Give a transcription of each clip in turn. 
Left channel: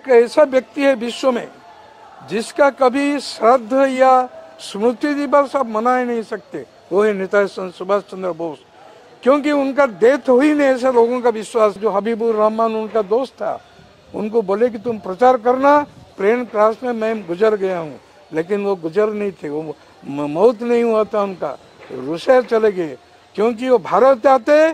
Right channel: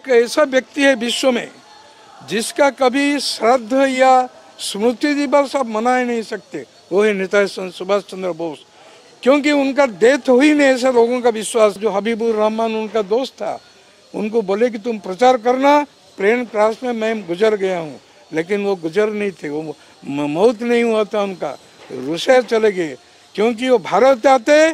एक ऐसा व्यक्ति है विश्व में जिसका कभी श्राद्ध या स्मृति दिवस आप मना ही नहीं सकते, वो है नेताजी सुभाष चंद्र बोस। क्योंकि उनका डेथ हो ही नहीं ऐसे लोगों का विश्वास। जो हबीबुर रहमान उनका दोस्त था, उनको बोले कि तुम प्रचार करना, प्लेन क्रैश में मैं गुजर गया हूँ, लेकिन वो गुजर नहीं थे, वो मौत नहीं हुआ था उनका, रूस चले गए। क्योंकि वो भारत आते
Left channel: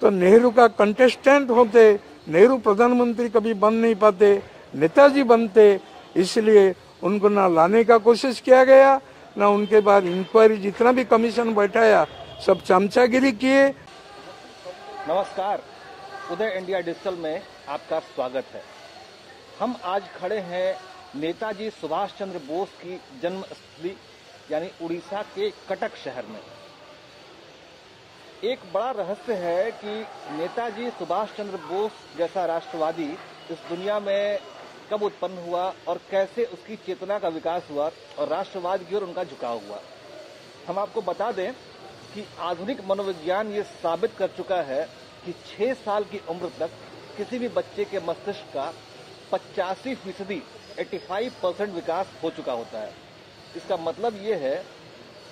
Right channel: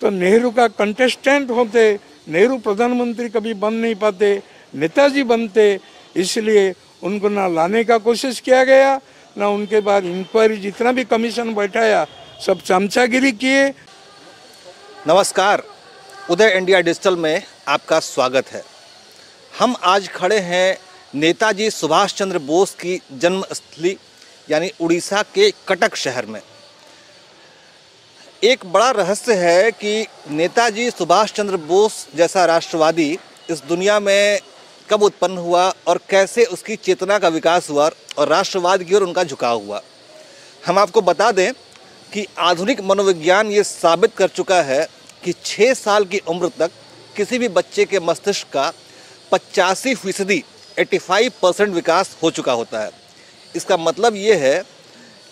तो नेहरू का कंटेस्टेंट होते, नेहरू प्रधानमंत्री कभी बन नहीं पाते, नेताजी बनते। इसलिए उनको ना लाने का कोशिश किया गया, ना उनके बाद इंक्वायरी जितना भी कमीशन बैठाया सब चमचागिरी किए। नमस्कार, उदय इंडिया डिजिटल में आपका स्वागत है। हम आज खड़े हैं नेताजी सुभाष चंद्र बोस की जन्मस्थली यानी उड़ीसा के कटक शहर में। एक बड़ा रहस्य है कि नेताजी सुभाष चंद्र बोस जैसा राष्ट्रवादी इस दुनिया में कब उत्पन्न हुआ और कैसे उसकी चेतना का विकास हुआ और राष्ट्रवाद की ओर उनका झुकाव हुआ। हम आपको बता दें कि आधुनिक मनोविज्ञान ये साबित कर चुका है कि 6 साल की उम्र तक किसी भी बच्चे के मस्तिष्क का 85% 85% विकास हो चुका होता है। इसका मतलब ये है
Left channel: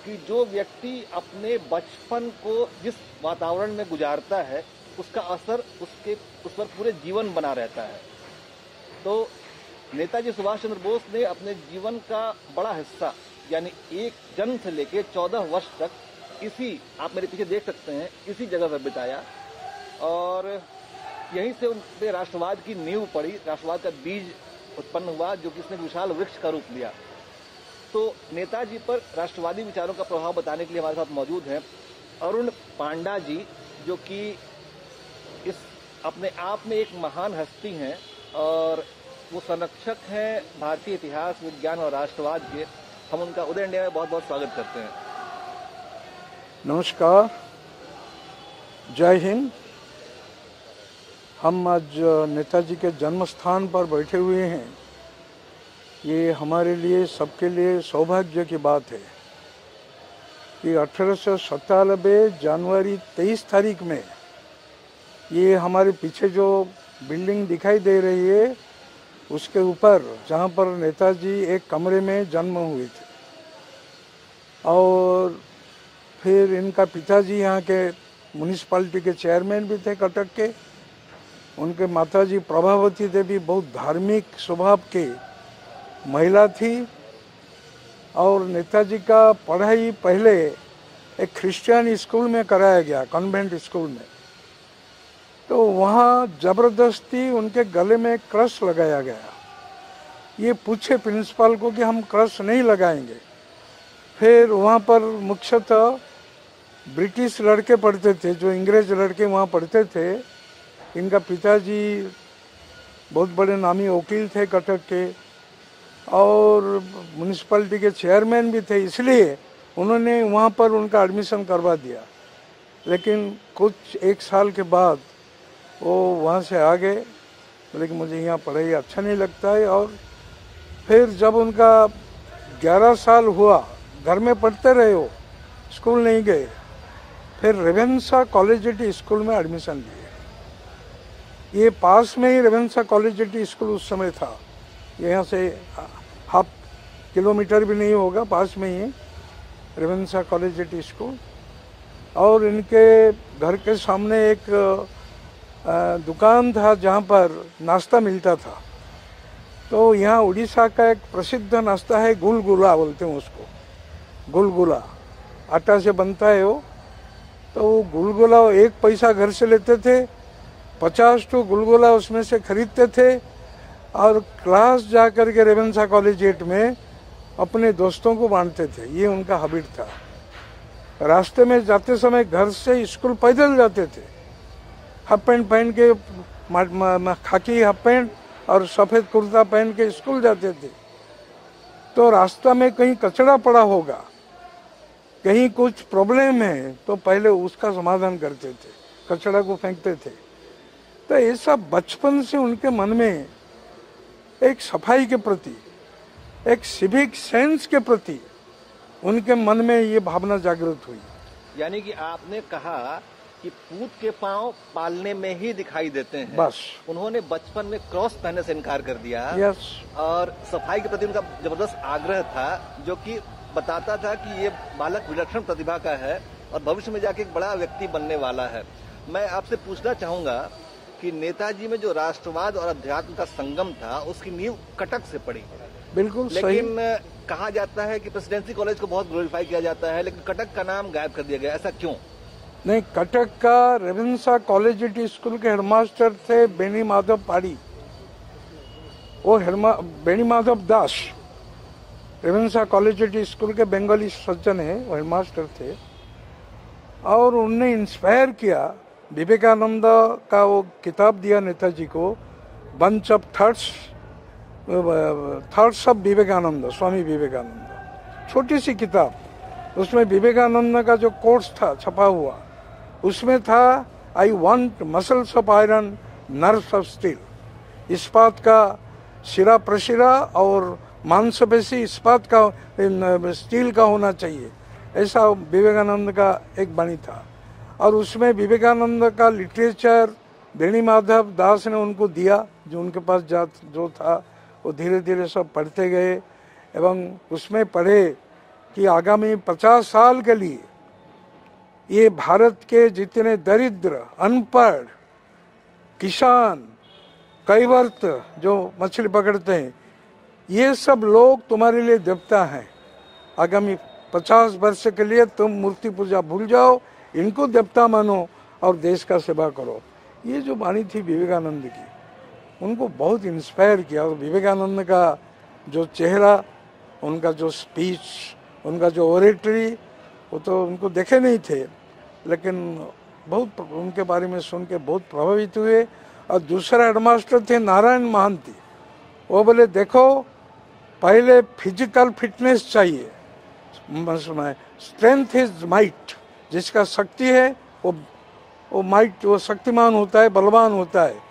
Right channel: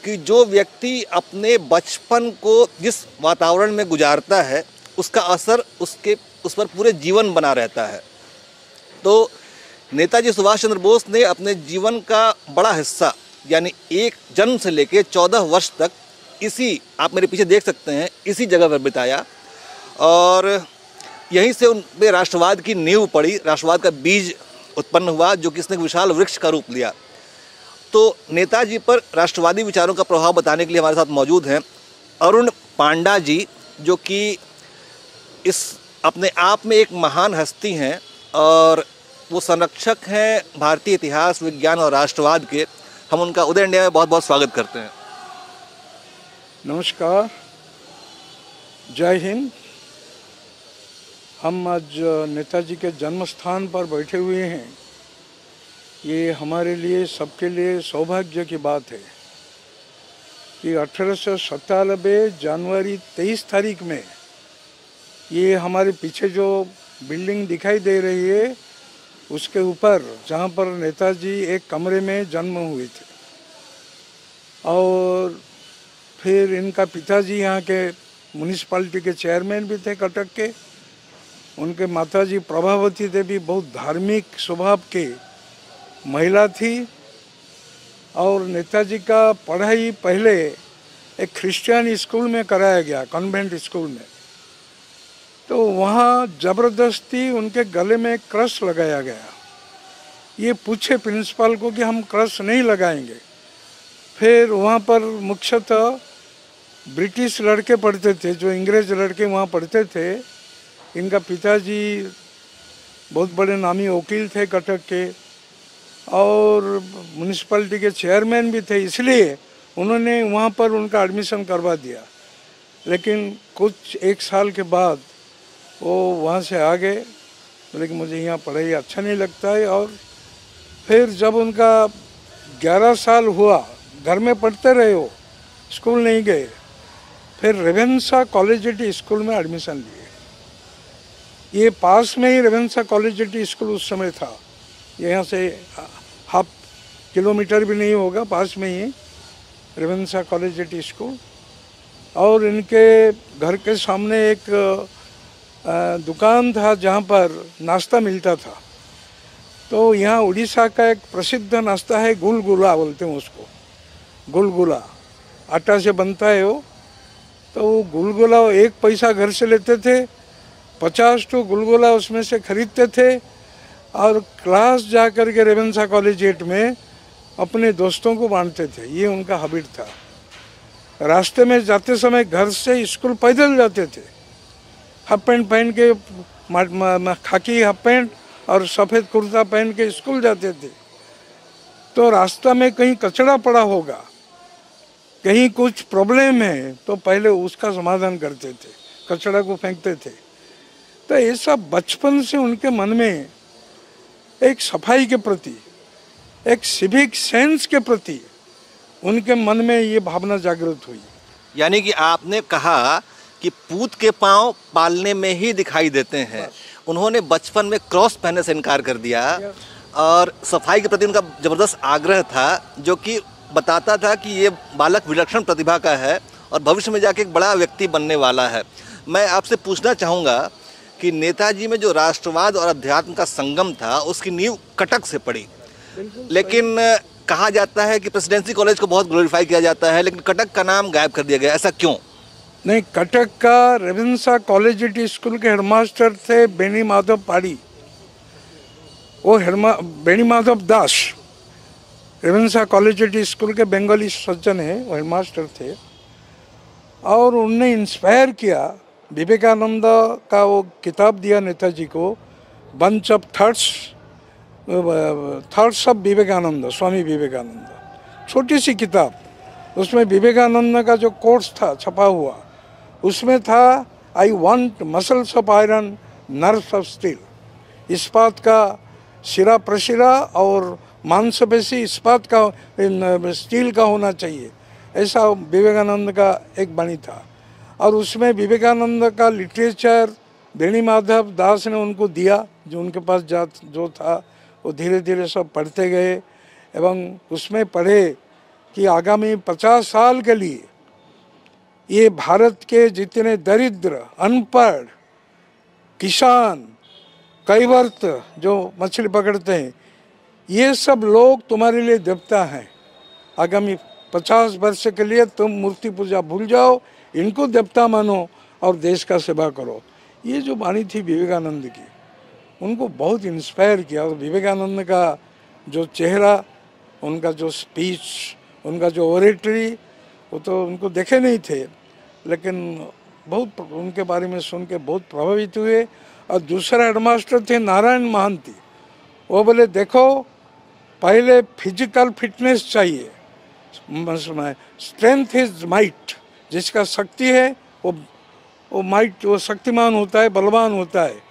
कि जो व्यक्ति अपने बचपन को जिस वातावरण में गुजारता है उसका असर उस पर पूरे जीवन बना रहता है। तो नेताजी सुभाष चंद्र बोस ने अपने जीवन का बड़ा हिस्सा यानी एक जन्म से लेकर 14 वर्ष तक इसी, आप मेरे पीछे देख सकते हैं, इसी जगह पर बिताया और यहीं से उन पे राष्ट्रवाद की नींव पड़ी, राष्ट्रवाद का बीज उत्पन्न हुआ जो कि इसने एक विशाल वृक्ष का रूप लिया। तो नेताजी पर राष्ट्रवादी विचारों का प्रभाव बताने के लिए हमारे साथ मौजूद हैं अरुण पांडा जी, जो कि इस अपने आप में एक महान हस्ती हैं और वो संरक्षक हैं भारतीय इतिहास, विज्ञान और राष्ट्रवाद के। हम उनका उदय इंडिया में बहुत बहुत स्वागत करते हैं। नमस्कार, जय हिंद। हम आज नेताजी के जन्म स्थान पर बैठे हुए हैं। ये हमारे लिए, सबके लिए सौभाग्य की बात है कि 1897 जनवरी 23 तारीख में ये हमारे पीछे जो बिल्डिंग दिखाई दे रही है उसके ऊपर, जहाँ पर नेताजी एक कमरे में जन्म हुए थे और फिर इनका पिताजी यहाँ के म्यूनिसिपैलिटी के चेयरमैन भी थे कटक के। उनके माताजी प्रभावती देवी बहुत धार्मिक स्वभाव के महिला थी और नेताजी का पढ़ाई पहले एक क्रिश्चियन स्कूल में कराया गया, कॉन्वेंट स्कूल में। तो वहाँ ज़बरदस्ती उनके गले में क्रश लगाया गया। ये पूछे प्रिंसिपल को कि हम क्रश नहीं लगाएंगे। फिर वहाँ पर मुख्यतः ब्रिटिश लड़के पढ़ते थे, जो अंग्रेज लड़के वहाँ पढ़ते थे। इनका पिताजी बहुत बड़े नामी वकील थे कटक के और म्यूनिसिपैलिटी के चेयरमैन भी थे, इसलिए उन्होंने वहाँ पर उनका एडमिशन करवा दिया। लेकिन कुछ 1 साल के बाद वो वहाँ से आ गए, बोले कि मुझे यहाँ पढ़ाई अच्छा नहीं लगता है। और फिर जब उनका 11 साल हुआ, घर में पढ़ते रहे हो, स्कूल नहीं गए। फिर रेवेन्सा कॉलेजिएटी स्कूल में एडमिशन लिए। ये पास में ही रेवेन्सा कॉलेजिएटी स्कूल उस समय था, यहाँ से हाफ किलोमीटर भी नहीं होगा, पास में ही रेवेन्सा कॉलेजिएटी स्कूल। और इनके घर के सामने एक दुकान था जहाँ पर नाश्ता मिलता था। तो यहाँ उड़ीसा का एक प्रसिद्ध नाश्ता है, गुलगुला बोलते हैं उसको, गुलगुला आटा से बनता है वो। तो वो गुलगुला 1 पैसा घर से लेते थे, 50 तो गुलगुला उसमें से खरीदते थे और क्लास जा कर के रेवेन्सा कॉलेजिएट में अपने दोस्तों को बांटते थे। ये उनका हैबिट था। रास्ते में जाते समय घर से स्कूल पैदल जाते थे, हाफ पैंट पहन के, खाकी हाफ पैंट और सफ़ेद कुर्ता पहन के स्कूल जाते थे। तो रास्ता में कहीं कचरा पड़ा होगा, कहीं कुछ प्रॉब्लम है, तो पहले उसका समाधान करते थे, कचरा को फेंकते थे। तो ये सब बचपन से उनके मन में एक सफाई के प्रति, एक सिविक सेंस के प्रति उनके मन में ये भावना जागृत हुई। यानी कि आपने कहा कि पूत के पांव पालने में ही दिखाई देते हैं। बस। उन्होंने बचपन में क्रॉस पहनने से इनकार कर दिया। यस। और सफाई के प्रति उनका जबरदस्त आग्रह था, जो कि बताता था कि ये बालक विलक्षण प्रतिभा का है और भविष्य में जाके एक बड़ा व्यक्ति बनने वाला है। मैं आपसे पूछना चाहूँगा कि नेताजी में जो राष्ट्रवाद और अध्यात्म का संगम था, उसकी नींव कटक से पड़ी। बिल्कुल। लेकिन कहा जाता है कि प्रेसिडेंसी कॉलेज को बहुत ग्लोरीफाई किया जाता है, लेकिन कटक का नाम गायब कर दिया गया, ऐसा क्यों? नहीं, कटक का रेवेंसा कॉलेजिएट स्कूल के हेडमास्टर थे बेनी माधव पाड़ी। वो बेनी माधव दास रेवेंसा कॉलेजिएट स्कूल के बंगाली सज्जन हैं, वो हेडमास्टर थे। और उनने इंस्पायर किया, विवेकानंद का वो किताब दिया नेताजी को, bunch of thoughts of Vivekananda, Swami Vivekananda, छोटी सी किताब। उसमें विवेकानंद का जो कोर्स था छपा हुआ, उसमें था I want muscles of iron, nerves of steel. इस्पात का शिरा प्रशिरा और मांसपेशी इस्पात का, स्टील का होना चाहिए, ऐसा विवेकानंद का एक वाणी था। और उसमें विवेकानंद का लिटरेचर बेनी माधव दास ने उनको दिया, जो उनके पास जो था वो धीरे धीरे सब पढ़ते गए। एवं उसमें पढ़े कि आगामी 50 साल के लिए ये भारत के जितने दरिद्र, अनपढ़, किसान, कैवर्त जो मछली पकड़ते हैं, ये सब लोग तुम्हारे लिए देवता हैं। आगामी 50 वर्ष के लिए तुम मूर्ति पूजा भूल जाओ, इनको देवता मानो और देश का सेवा करो। ये जो वाणी थी विवेकानंद की, उनको बहुत इंस्पायर किया। और विवेकानंद का जो चेहरा, उनका जो स्पीच, उनका जो ओरेटरी, वो तो उनको देखे नहीं थे, लेकिन बहुत उनके बारे में सुन के बहुत प्रभावित हुए। और दूसरा हेडमास्टर थे नारायण महांती। वो बोले देखो, पहले फिजिकल फिटनेस चाहिए, स्ट्रेंथ इज माइट। जिसका शक्ति है वो माइट, वो शक्तिमान होता है, बलवान होता है,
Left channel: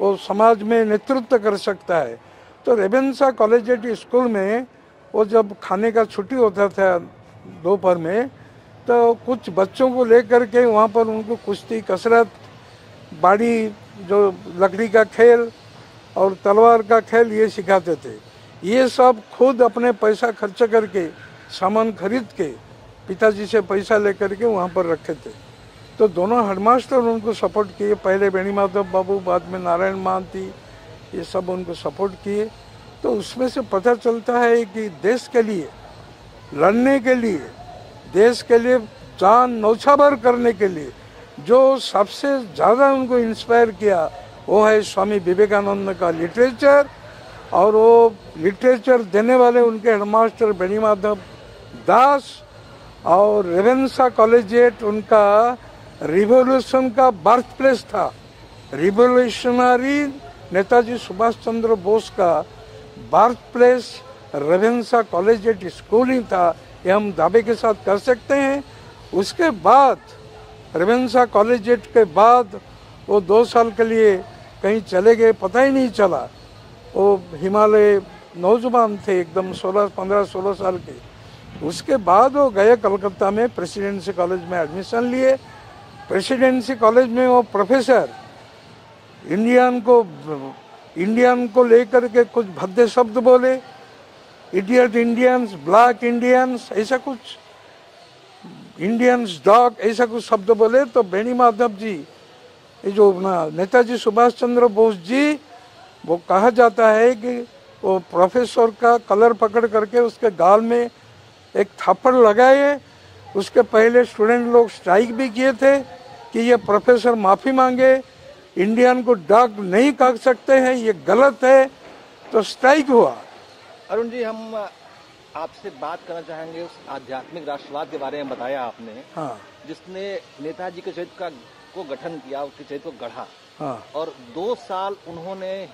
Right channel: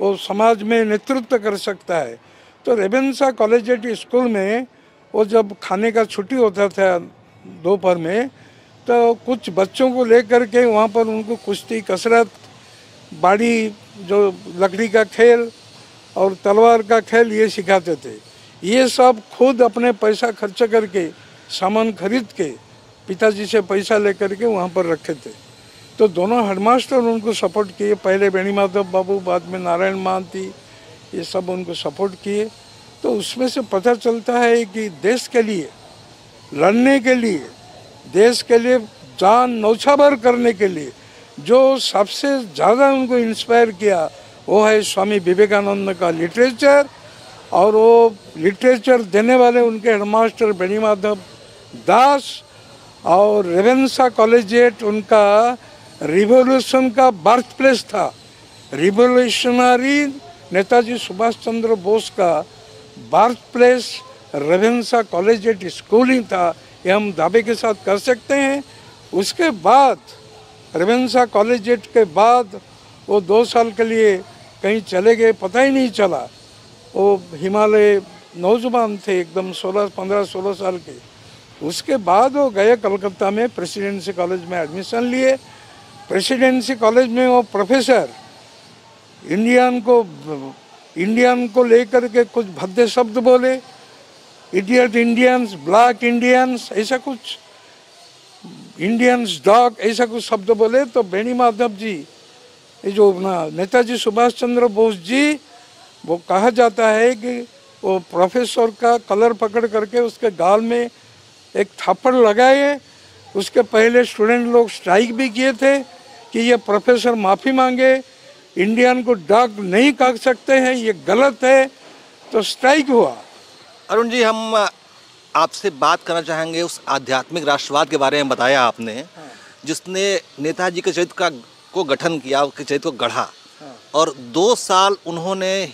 वो समाज में नेतृत्व कर सकता है। तो रेवेंसा कॉलेजिएट स्कूल में वो जब खाने का छुट्टी होता था दोपहर में, तो कुछ बच्चों को लेकर के वहाँ पर उनको कुश्ती, कसरत, बाड़ी, जो लकड़ी का खेल और तलवार का खेल, ये सिखाते थे। ये सब खुद अपने पैसा खर्च करके, सामान खरीद के, पिताजी से पैसा लेकर के वहाँ पर रखे थे। तो दोनों हेडमास्टर उनको सपोर्ट किए, पहले बेनी माधव बाबू, बाद में नारायण महांती, ये सब उनको सपोर्ट किए। तो उसमें से पता चलता है कि देश के लिए लड़ने के लिए, देश के लिए जान नौछावर करने के लिए जो सबसे ज़्यादा उनको इंस्पायर किया, वो है स्वामी विवेकानंद का लिटरेचर। और वो लिटरेचर देने वाले उनके हेडमास्टर बेनी माधव दास, और रेवेंसा कॉलेजिएट उनका रिवॉल्यूशन का बर्थ प्लेस था। रिवॉल्यूशनरी नेताजी सुभाष चंद्र बोस का birth place Ravenshaw collegiate school ही था, ये हम दावे के साथ कर सकते हैं। उसके बाद रेवेंसा कॉलेजिएट के बाद वो 2 साल के लिए कहीं चले गए, पता ही नहीं चला। वो हिमालय नौजवान थे एकदम, 15-16 साल के। उसके बाद वो गए कलकत्ता में, प्रेसिडेंसी कॉलेज में एडमिशन लिए। प्रेसिडेंसी कॉलेज में वो प्रोफेसर इंडियन को लेकर के कुछ भद्दे शब्द बोले, इडियट इंडियंस, ब्लैक इंडियंस, ऐसा कुछ, इंडियंस डॉग, ऐसा कुछ शब्द बोले। तो बेनी माधव जी, ये जो नेताजी सुभाष चंद्र बोस जी, वो कहा जाता है कि वो प्रोफेसर का कलर पकड़ करके उसके गाल में एक थप्पड़ लगाए। उसके पहले स्टूडेंट लोग स्ट्राइक भी किए थे कि ये प्रोफेसर माफ़ी मांगे, इंडियन को डॉग नहीं कह सकते हैं, ये गलत है। तो स्ट्राइक हुआ। अरुण जी, हम आपसे बात करना चाहेंगे उस आध्यात्मिक राष्ट्रवाद के बारे में। बताया आपने, हाँ। जिसने नेताजी के चरित्र को गठन किया, उसके चरित्र को गढ़ा। हाँ। और 2 साल उन्होंने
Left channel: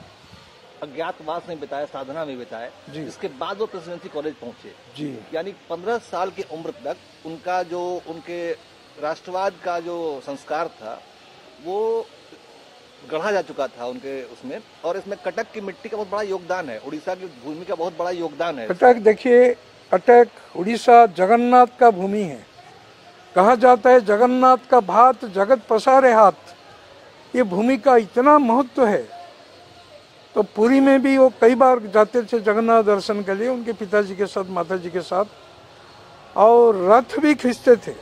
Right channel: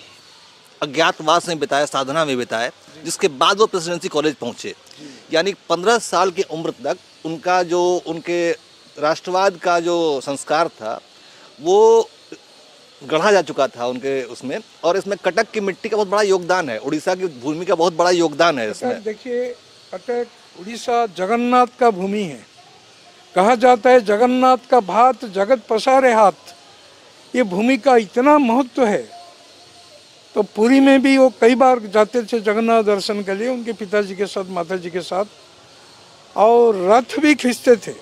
अज्ञातवास में बिताए, साधना में बिताए, जिसके बाद वो प्रेसिडेंसी कॉलेज पहुंचे। यानी 15 साल की उम्र तक उनका जो, उनके राष्ट्रवाद का जो संस्कार था वो गढ़ा जा चुका था उनके उसमें। और इसमें कटक की मिट्टी का बहुत बड़ा योगदान है, उड़ीसा की भूमि का बहुत बड़ा योगदान है। कटक देखिए, कटक उड़ीसा जगन्नाथ का भूमि है। कहा जाता है जगन्नाथ का भात जगत पसारे हाथ, ये भूमि का इतना महत्व है। तो पुरी में भी वो कई बार जाते थे जगन्नाथ दर्शन के लिए उनके पिताजी के साथ, माताजी के साथ, और रथ भी खींचते थे।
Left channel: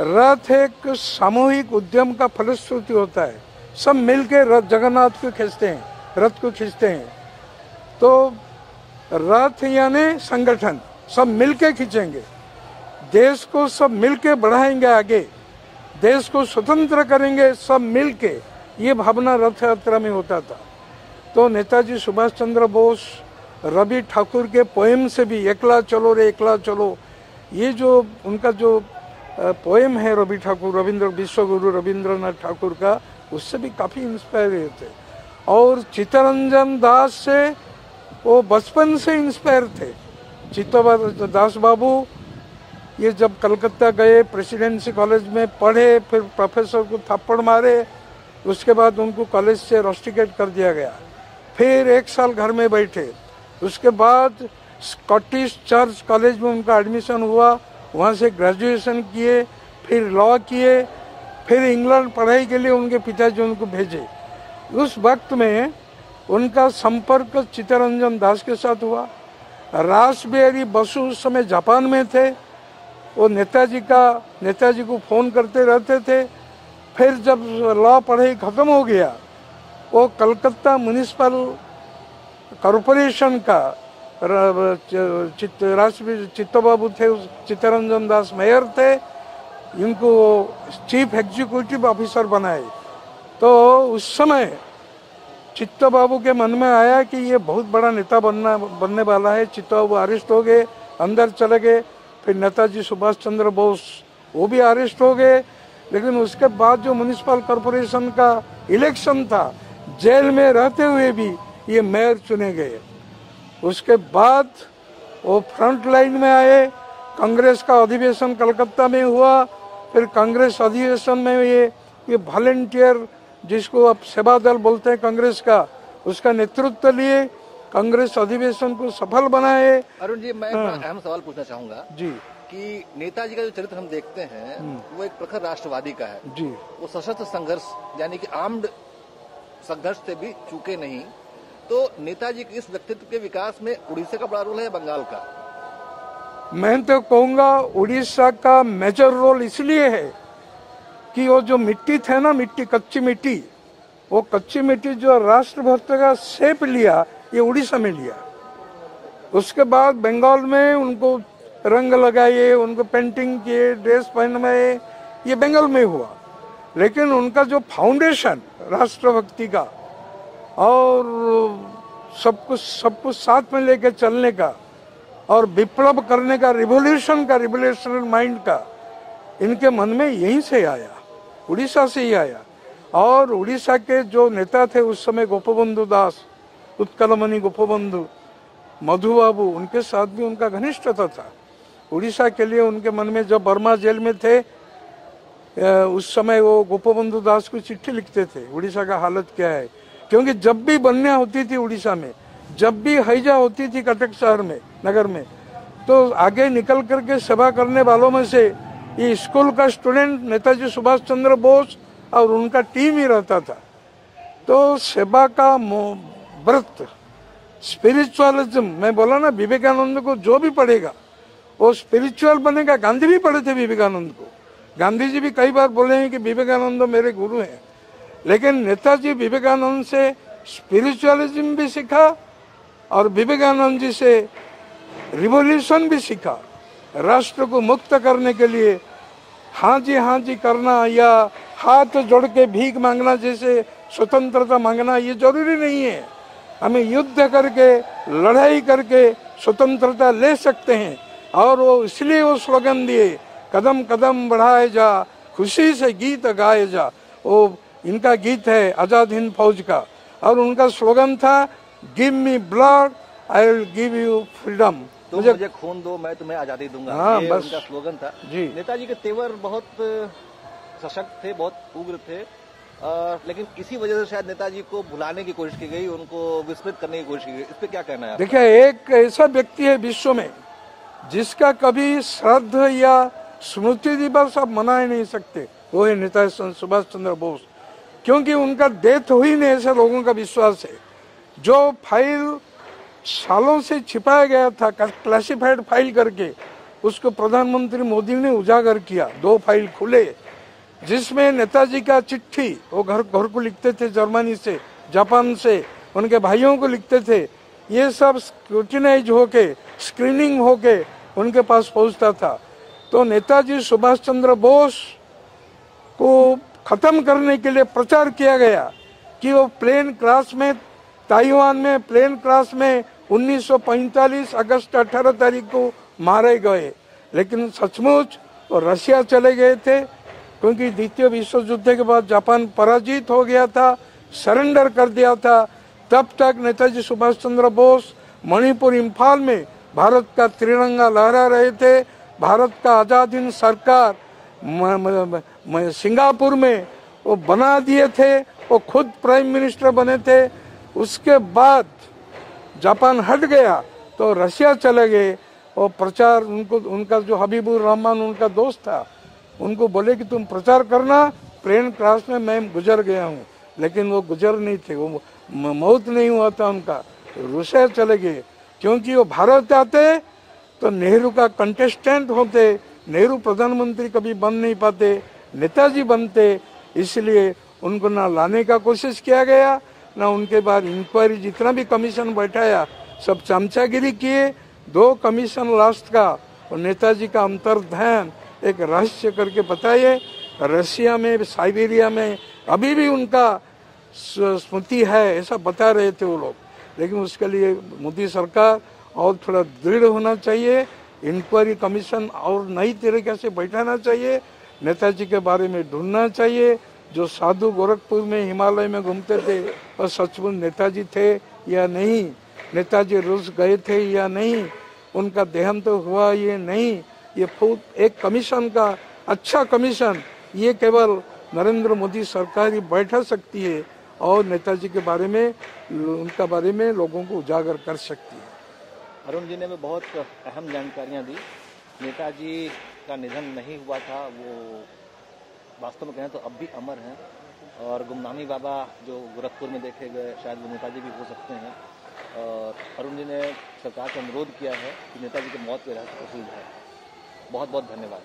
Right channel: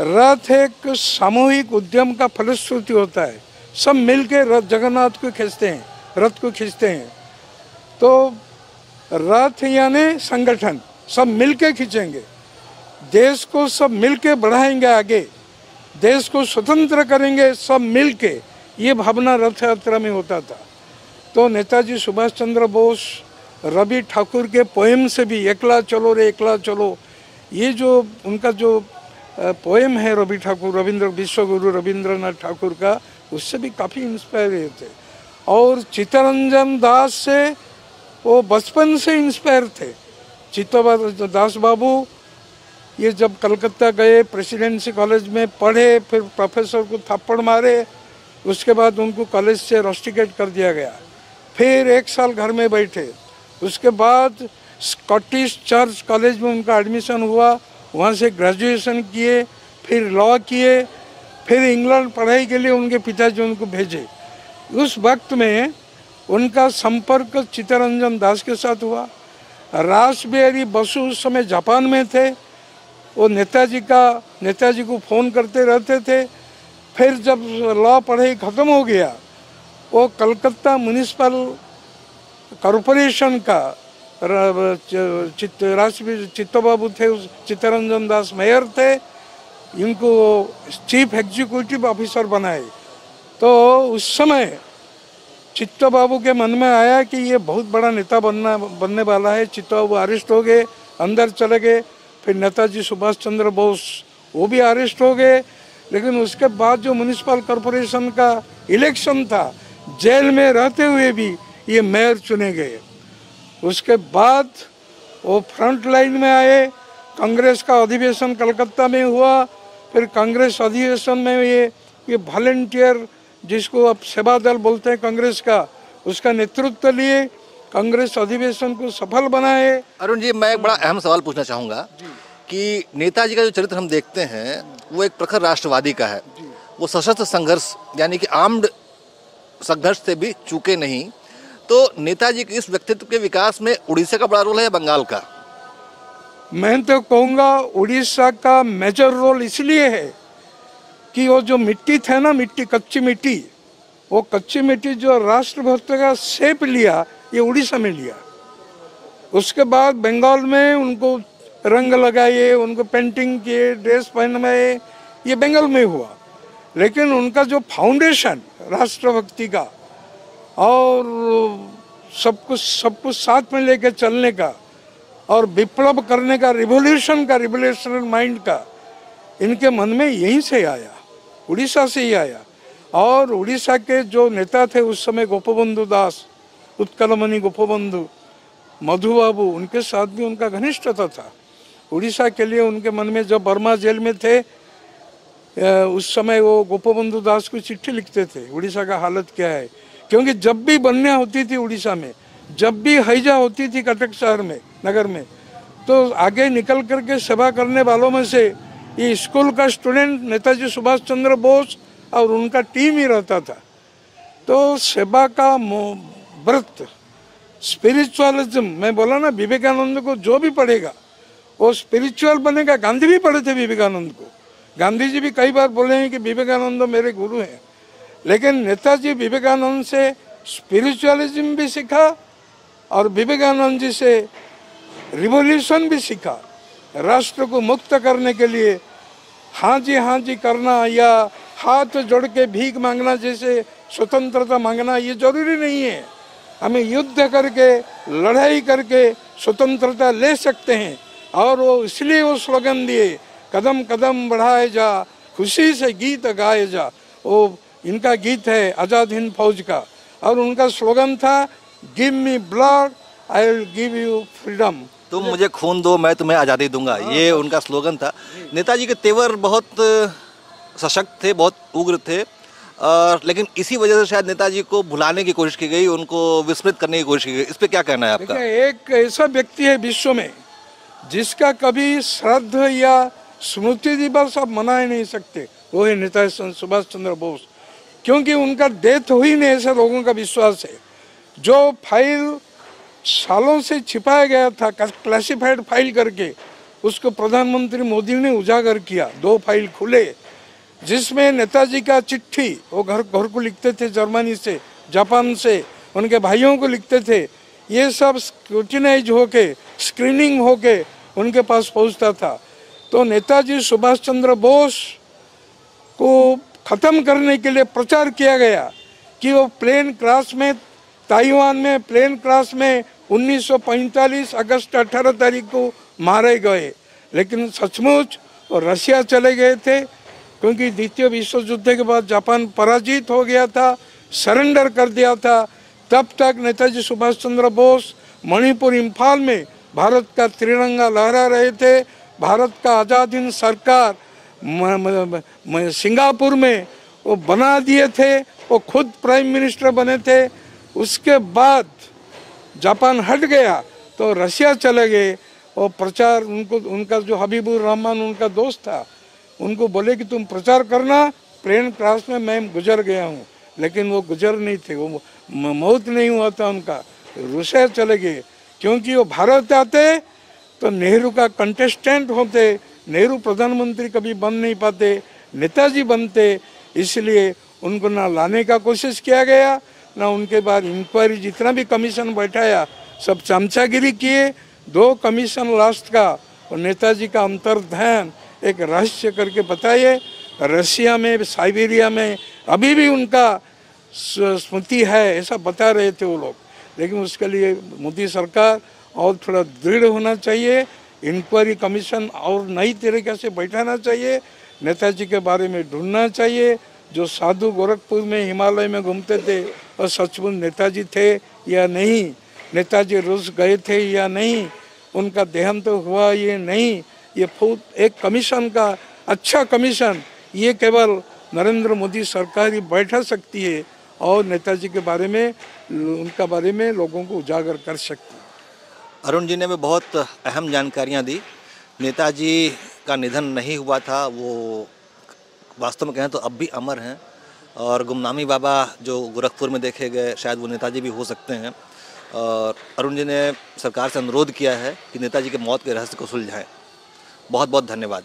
रथ एक सामूहिक उद्यम का फलश्रुति होता है, सब मिलके रथ जगन्नाथ को खींचते हैं, रथ को खींचते हैं। तो रथ यानी संगठन, सब मिलके खींचेंगे, देश को सब मिलके बढ़ाएंगे आगे, देश को स्वतंत्र करेंगे सब मिलके, ये भावना रथ यात्रा में होता था। तो नेताजी सुभाष चंद्र बोस रवि ठाकुर के पोएम से भी, एकला चलो रे एकला चलो, ये जो उनका जो पोएम है रवि ठाकुर, रविंद्र विश्वगुरु रविंद्रनाथ ठाकुर का, उससे भी काफ़ी इंस्पायर हुए थे। और चित्तरंजन दास से वो बचपन से इंस्पायर थे। चित्तरंजन दास बाबू ये जब कलकत्ता गए, प्रेसिडेंसी कॉलेज में पढ़े, फिर प्रोफेसर को थप्पड़ मारे, उसके बाद उनको कॉलेज से रस्टिकेट कर दिया गया। फिर 1 साल घर में बैठे, उसके बाद स्कॉटिश चर्च कॉलेज में उनका एडमिशन हुआ, वहाँ से ग्रेजुएशन किए, फिर लॉ किए, फिर इंग्लैंड पढ़ाई के लिए उनके पिताजी उनको भेजे। उस वक्त में उनका संपर्क चित्तरंजन दास के साथ हुआ। रासबिहारी बसु उस समय जापान में थे, वो नेताजी को फ़ोन करते रहते थे। फिर जब लॉ पढ़ाई ख़त्म हो गया, वो कलकत्ता म्यूनिसिपल कॉरपोरेशन का चित्तबाबू थे, चित्तरंजन दास मेयर थे, इनको चीफ एग्जीक्यूटिव ऑफिसर बनाए। तो उस समय चित्तबाबू के मन में आया कि ये बहुत बड़ा नेता बनने वाला है। चित्तबाबू अरेस्ट हो गए, अंदर चले गए। फिर नेताजी सुभाष चंद्र बोस वो भी अरेस्ट हो गए। लेकिन उसके बाद जो म्यूनिसिपल कॉरपोरेशन का इलेक्शन था, जेल में रहते हुए भी ये मेयर चुने गए। उसके बाद वो फ्रंट लाइन में आए। कांग्रेस का अधिवेशन कलकत्ता में हुआ। फिर कांग्रेस अधिवेशन में ये वॉलंटियर, जिसको अब सेवा दल बोलते हैं कांग्रेस का, उसका नेतृत्व लिए, कांग्रेस अधिवेशन को सफल बनाए। अरुण जी, मैं एक बड़ा अहम सवाल पूछना चाहूँगा जी कि नेताजी का जो चरित्र हम देखते हैं वो एक प्रखर राष्ट्रवादी का है जी। वो सशस्त्र संघर्ष यानी कि आर्म्ड संघर्ष से भी चूके नहीं। तो नेताजी के इस व्यक्तित्व के विकास में उड़ीसा का बड़ा रोल है या बंगाल का? मैं तो कहूँगा उड़ीसा का मेजर रोल इसलिए है कि वो जो मिट्टी थे ना, कच्ची मिट्टी, वो कच्ची मिट्टी जो राष्ट्रभक्त का शेप लिया, ये उड़ीसा में लिया। उसके बाद बंगाल में उनको रंग लगाए, उनको पेंटिंग किए, ड्रेस पहनवाए, ये बंगाल में हुआ। लेकिन उनका जो फाउंडेशन राष्ट्रभक्ति का और सब कुछ साथ में लेके चलने का और विप्लव करने का, रिवोल्यूशनरी माइंड का, इनके मन में यहीं से आया, उड़ीसा से ही आया। और उड़ीसा के जो नेता थे उस समय, गोपबंधु दास, उत्कलमणि गोपबंधु, मधु बाबू, उनके साथ भी उनका घनिष्ठता था। उड़ीसा के लिए उनके मन में, जब बर्मा जेल में थे उस समय, वो गोपबंधु दास को चिट्ठी लिखते थे, उड़ीसा का हालत क्या है। क्योंकि जब भी बन्या होती थी उड़ीसा में, जब भी हैजा होती थी कटक शहर में, नगर में, तो आगे निकल करके सेवा करने वालों में से ये स्कूल का स्टूडेंट नेताजी सुभाष चंद्र बोस और उनका टीम ही रहता था। तो सेवा का व्रत, स्पिरिचुअलिज्म, मैं बोला ना, विवेकानंद को जो भी पढ़ेगा वो स्पिरिचुअल बनेगा। गांधी भी पढ़े थे विवेकानंद को, गांधी जी भी कई बार बोले हैं कि विवेकानंद मेरे गुरु हैं। लेकिन नेताजी विवेकानंद से स्पिरिचुअलिज्म भी सीखा और विवेकानंद जी से रिवॉल्यूशन भी सीखा। राष्ट्र को मुक्त करने के लिए हाँ जी करना या हाथ जोड़ के भीख मांगना जैसे स्वतंत्रता मांगना, ये जरूरी नहीं है। हमें युद्ध करके, लड़ाई करके स्वतंत्रता ले सकते हैं। और वो इसलिए वो स्लोगन दिए, कदम कदम बढ़ाए जा, खुशी से गीत गाए जा। वो इनका गीत है आजाद हिंद फौज का, और उनका स्लोगन था, give me blood I will give you freedom. तुम मुझे खून दो, मैं तुम्हें आज़ादी दूंगा, ये उनका स्लोगन था। नेताजी के तेवर बहुत सशक्त थे, बहुत उग्र थे, और लेकिन इसी वजह से शायद नेताजी को भुलाने की कोशिश की गई, उनको विस्मृत करने की कोशिश की गई। इस पे क्या कहना है आपका? देखिए, एक ऐसा व्यक्ति है विश्व में जिसका कभी श्राद्ध या स्मृति दिवस आप मना ही नहीं सकते, वो है नेताजी सुभाष चंद्र बोस, क्योंकि उनका डेथ हुई नहीं ऐसे लोगों का विश्वास है। जो फाइल सालों से छिपाया गया था क्लासिफाइड फाइल करके, उसको प्रधानमंत्री मोदी ने उजागर किया। 2 फाइल खुले जिसमें नेताजी का चिट्ठी वो घर को लिखते थे, जर्मनी से, जापान से उनके भाइयों को लिखते थे। ये सब स्क्रूटिनाइज होके, स्क्रीनिंग होके उनके पास पहुंचता था। तो नेताजी सुभाष चंद्र बोस को खत्म करने के लिए प्रचार किया गया कि वो प्लेन क्रैश में, ताइवान में प्लेन क्रैश में 1945 अगस्त 18 तारीख को मारे गए। लेकिन सचमुच वो रशिया चले गए थे, क्योंकि द्वितीय विश्व युद्ध के बाद जापान पराजित हो गया था, सरेंडर कर दिया था। तब तक नेताजी सुभाष चंद्र बोस मणिपुर, इम्फाल में भारत का तिरंगा लहरा रहे थे। भारत का आजाद हिंद सरकार सिंगापुर में वो बना दिए थे, वो खुद प्राइम मिनिस्टर बने थे। उसके बाद जापान हट गया तो रशिया चले गए और प्रचार उनका जो हबीबुर रहमान उनका दोस्त था, उनको बोले कि तुम प्रचार करना, प्लेन क्रैश में मैं गुजर गया हूँ। लेकिन वो गुजर नहीं थे, वो मौत नहीं हुआ था उनका, रूस चले गए। क्योंकि वो भारत आते तो नेहरू का कंटेस्टेंट होते, नेहरू प्रधानमंत्री कभी बन नहीं पाते, नेताजी बनते। इसलिए उनको ना लाने का कोशिश किया गया, ना उनके बाद इंक्वायरी, जितना भी कमीशन बैठाया सब चमचागिरी किए। 2 कमीशन लास्ट का और नेताजी का अंतर्ध्यान एक रहस्य करके बताइए। रशिया में, साइबेरिया में अभी भी उनका स्मृति है ऐसा बता रहे थे वो लोग। लेकिन उसके लिए मोदी सरकार और थोड़ा दृढ़ होना चाहिए, इंक्वायरी कमीशन और नई तरीके से बैठाना चाहिए, नेताजी के बारे में ढूंढना चाहिए। जो साधु गोरखपुर में, हिमालय में घूमते थे और सचमुच नेताजी थे या नहीं, नेताजी रूस गए थे या नहीं, उनका देहांत तो हुआ ये नहीं, ये एक कमीशन का अच्छा कमीशन ये केवल नरेंद्र मोदी सरकार ही बैठा सकती है और नेताजी के बारे में, उनका बारे में लोगों को उजागर कर सकती है। अरुण जी ने भी बहुत अहम जानकारियां दी। नेताजी का निधन नहीं हुआ था, वो वास्तव में कहें तो अब भी अमर हैं। और गुमनामी बाबा जो गोरखपुर में देखे गए, शायद वो नेताजी भी हो सकते हैं। और अरुण जी ने सरकार से अनुरोध किया है कि नेताजी के मौत के रहस्य को सुलझाएं। बहुत बहुत धन्यवाद।